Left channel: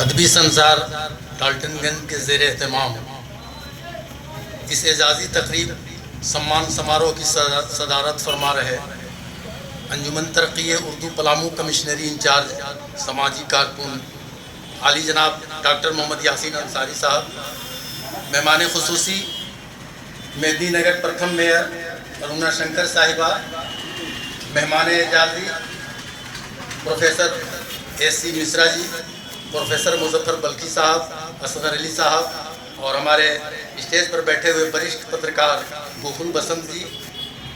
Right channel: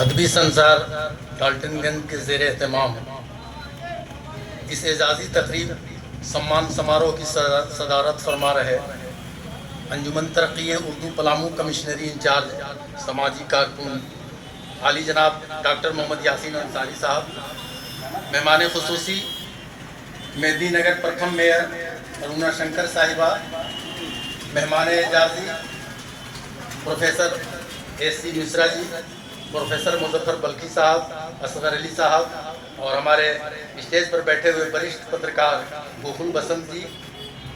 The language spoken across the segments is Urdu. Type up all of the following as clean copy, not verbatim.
ادبی سنسار ڈالٹن گنج کے زیر اہتمام اس اعزازی تقریب سمان سماروہ کی صدارت فرما رہے انجمن ترقی اردو پلامو کمشنری انچارج سماجی کارکن عالی جناب ڈاکٹر محمد یاسین انصاری صاحب، مہمان خصوصی مہدی نگر پرتھم میئر ارونا شنکر صاحبہ، مہمان اعزازی پروفیسر ایس سی مشرا جی، پروفیسر مظفر بلخی صاحب، اصغر علی صاحب اور ہمارے اسٹیج پر بیٹھے ہوئے وریشٹھ پترکار گوکل بسنت جی،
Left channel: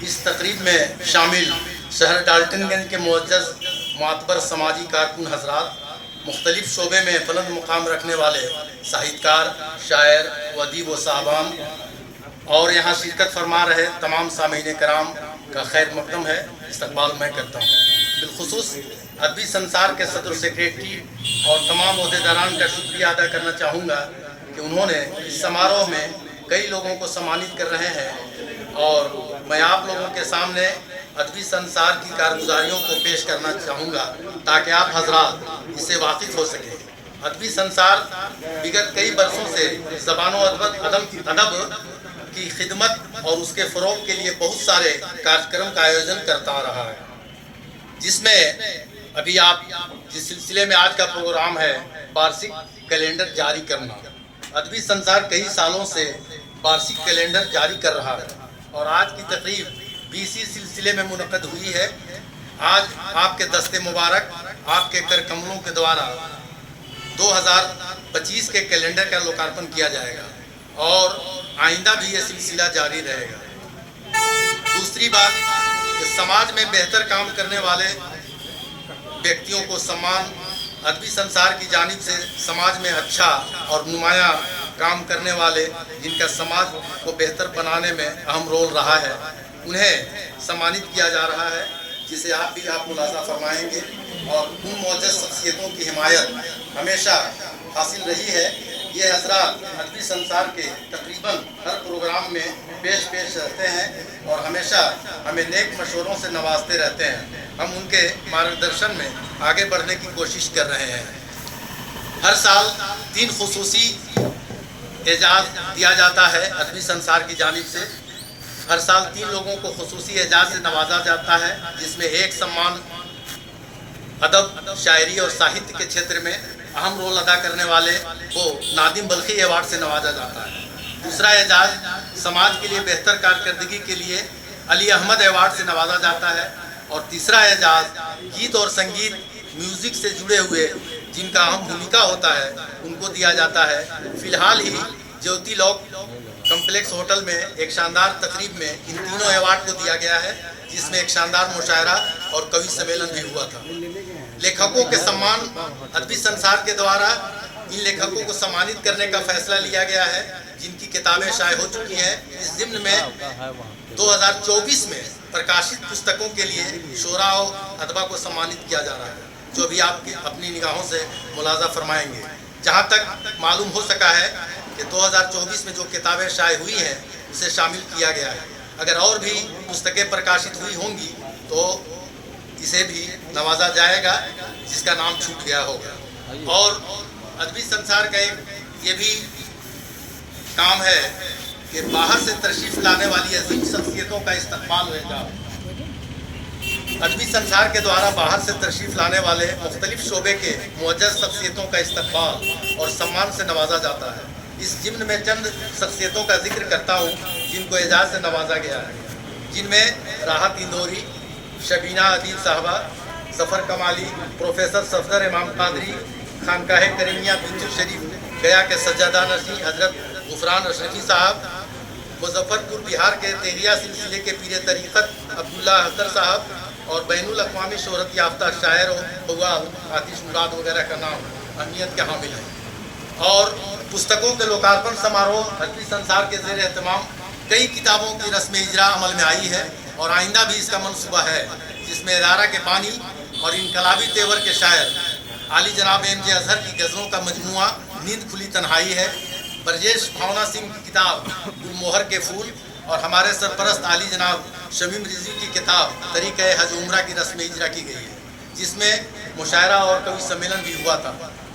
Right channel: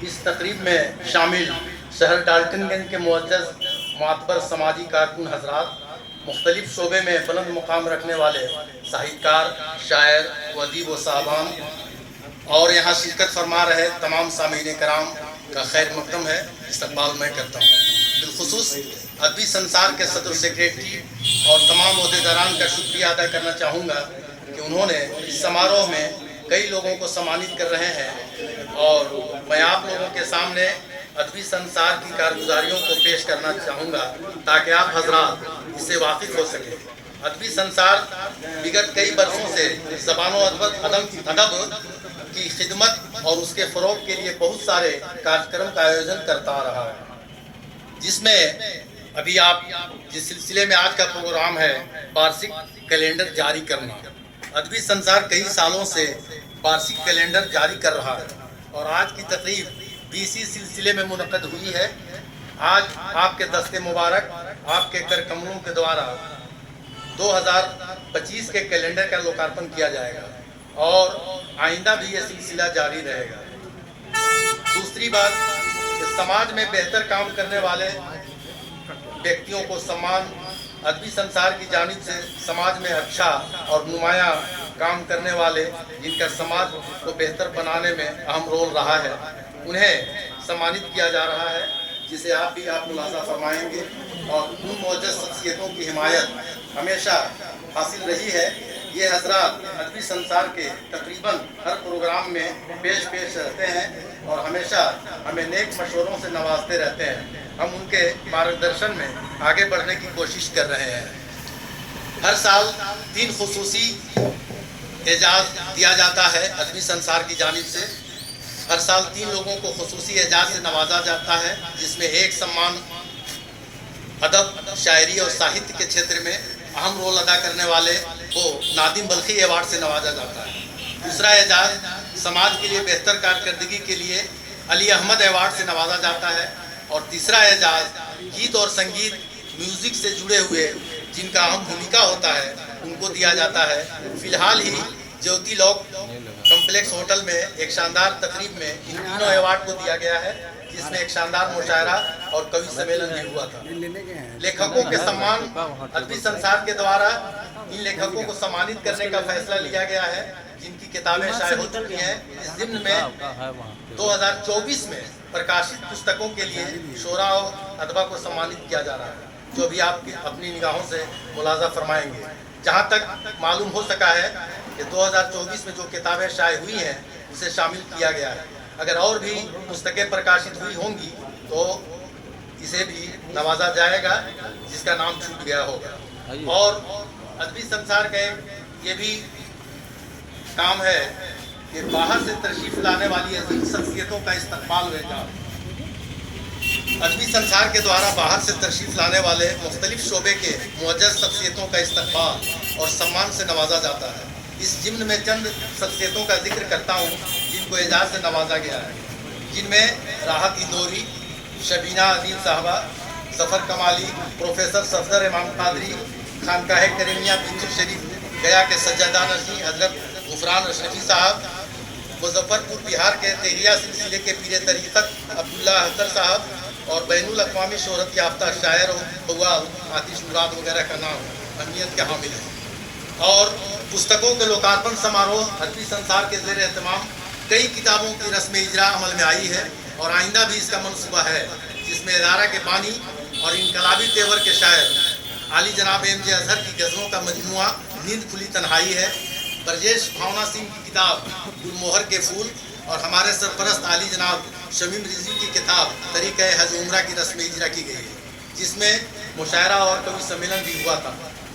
اس تقریب میں شامل شہر ڈالٹن گنج کے معزز معتبر سماجی کارکن حضرات، مختلف شعبے میں بلند مقام رکھنے والے ساہتکار، شاعر و ادیب و صاحبان اور یہاں شرکت فرما رہے تمام سامعین کرام کا خیر مقدم ہے، استقبال میں کرتا ہوں۔ بالخصوص ادبی سنسار کے صدر سیکریٹری اور تمام عہدیداران کا شکریہ ادا کرنا چاہوں گا کہ انہوں نے اس سماروہ میں کئی لوگوں کو سمانت کر رہے ہیں اور میں آپ لوگوں کے سامنے ادبی سنسار کی کارگزاریوں کو پیش کرنا چاہوں گا تاکہ آپ حضرات اس سے واقف ہو سکیں۔ ادبی سنسار وگت کئی برسوں سے زبان و ادب کی خدمت اور اس کے فروغ کے لیے بہت سارے کارکرم کا آیوجن کرتا آ رہا ہے، جس میں ابھی آپ جس سلسلے میں آج کا پروگرام ہے وارشک کیلنڈر جاری کرنا۔ ادبی سنسار کئی سالوں سے وارشک کیلنڈر جاری کر رہا ہے اور آج کی تقریب بھی اسی سلسلے میں منعقد ہوئی ہے۔ آج آپ کے دست مبارک آپ کے کر کملوں کے دوارا 2025 کے کیلنڈر کا لوکارپن کیا جائے گا اور آئندہ بھی یہ سلسلہ جاری رہے گا۔ دوسری بات کہ سماج میں بہتر کام کرنے والے ویکتیوں کو سمان ادبی سنسار کی جانب سے سماج میں اچھا اور نمایاں کام کرنے والے جن کا سماج کو بہتر بنانے میں اہم رول رہا ہے، انہیں سمانت کیا جا رہا ہے، جسے آپ بھی ملاحظہ فرمائیں گے اور ان معزز شخصیتوں کی حمایت ہمیشہ حاصل رہی ہے۔ یہ حضرات ادبی سنسار کے تقریباً ہر پروگرام میں پیش رہتے ہیں اور ہمیشہ ہمیں نیک مشوروں سے نوازتے رہتے ہیں۔ ہم ان کے مارگدرشن میں آگے بڑھنے کی کوشش کر رہے ہیں۔ ہر سال 3 خصوصی اعزاز دیا جاتا ہے ادبی سنسار کی جانب سے۔ ہر سال 3 لوگوں کو خصوصی اعزاز سے نوازا جاتا ہے، جس میں ایک سمان ادب، شاعری اور ساہتیہ کے چھیتر میں اہم رول ادا کرنے والے کو نادم بلخی ایوارڈ سے نوازا جاتا ہے۔ دوسرا اعزاز سماج کے لیے بہتر کارکردگی کے لیے علی احمد ایوارڈ سے نوازا جاتا ہے اور تیسرا اعزاز گیت اور سنگیت میوزک سے جڑے ہوئے جن کا اہم بھومکا ہوتا ہے ان کو دیا جاتا ہے۔ فی الحال ہی جیوتی لوک کمپلیکس ہوٹل میں ایک شاندار تقریب میں ان تینوں ایوارڈ کو دیا گیا ہے، جس میں ایک شاندار مشاعرہ اور کوی سمیلن بھی ہوا تھا۔ لیکھکوں کے سمان ادبی سنسار کے دوارا ان لیکھکوں کو سمانت کرنے کا فیصلہ لیا گیا ہے جن کی کتابیں شائع ہو چکی ہیں۔ اس ضمن میں 2024 میں پرکاشت پستکوں کے لیے شعراء و ادبا کو سمانت کیا جا رہا ہے، جو بھی آپ اپنی نگاہوں سے ملاحظہ فرمائیں گے۔ جہاں تک معلوم ہو سکا ہے کہ 2024 میں جو کتابیں شائع ہوئی ہیں اسے شامل کیا گیا ہے۔ اگر اور بھی پستکیں پرکاشت ہوئی ہوں گی تو اسے بھی نوازا جائے گا، جس کا نام چھوٹ گیا ہوگا۔ اور ادبی سنسار کا ایک یہ بھی کام ہے کہ باہر سے تشریف لانے والی عظیم شخصیتوں کا استقبال ہوگا۔ ادبی سنسار کے دوارا باہر سے تشریف لانے والے مختلف شعبے کے معزز شخصیتوں کا استقبال اور سمان سے نوازا جاتا ہے۔ اس ضمن میں چند شخصیتوں کا ذکر کرتا ہوں جن کو اعزاز سے نوازا گیا ہے، جن میں راحت اندوری، شبینہ ادیب صاحبہ، ظفر کمالی، پروفیسر صفدر امام قادری، خانقاہ کریمیہ پنجل شریف گیا کے سجادہ نشین حضرت غفران اشرفی صاحب، مظفر پور بہار کے تیلیہ سلسلے کے پیر طریقت عبداللہ حضر صاحب اور بین الاقوامی شہرت یافتہ شاعر قوال آتش مراد وغیرہ کا نام اہمیت کے حامل ہے۔ اور پستکوں کے لوکارپن سماروہ ادبی سنسار کے زیر اہتمام کئی کتابوں کی رسم اجرا عمل میں آئی ہے اور آئندہ بھی اس کا منصوبہ ہے، جس میں ادارہ کے بانی اور انقلابی تیور کے شاعر عالی جناب ایم جے اظہر کی غزلوں کا مجموعہ نیند کھلی تنہائی ہے، برجیش بھاونا سنگھ کی کتاب گل موہر کے پھول اور ہمارے سرپرست عالی جناب شمیم رضوی کی کتاب طریقہ حج عمرہ کی رسم اجرا کی گئی ہے، جس میں مشاعرہ اور کوی سمیلن بھی ہوا تھا۔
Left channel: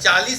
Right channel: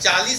40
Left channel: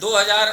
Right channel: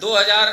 2000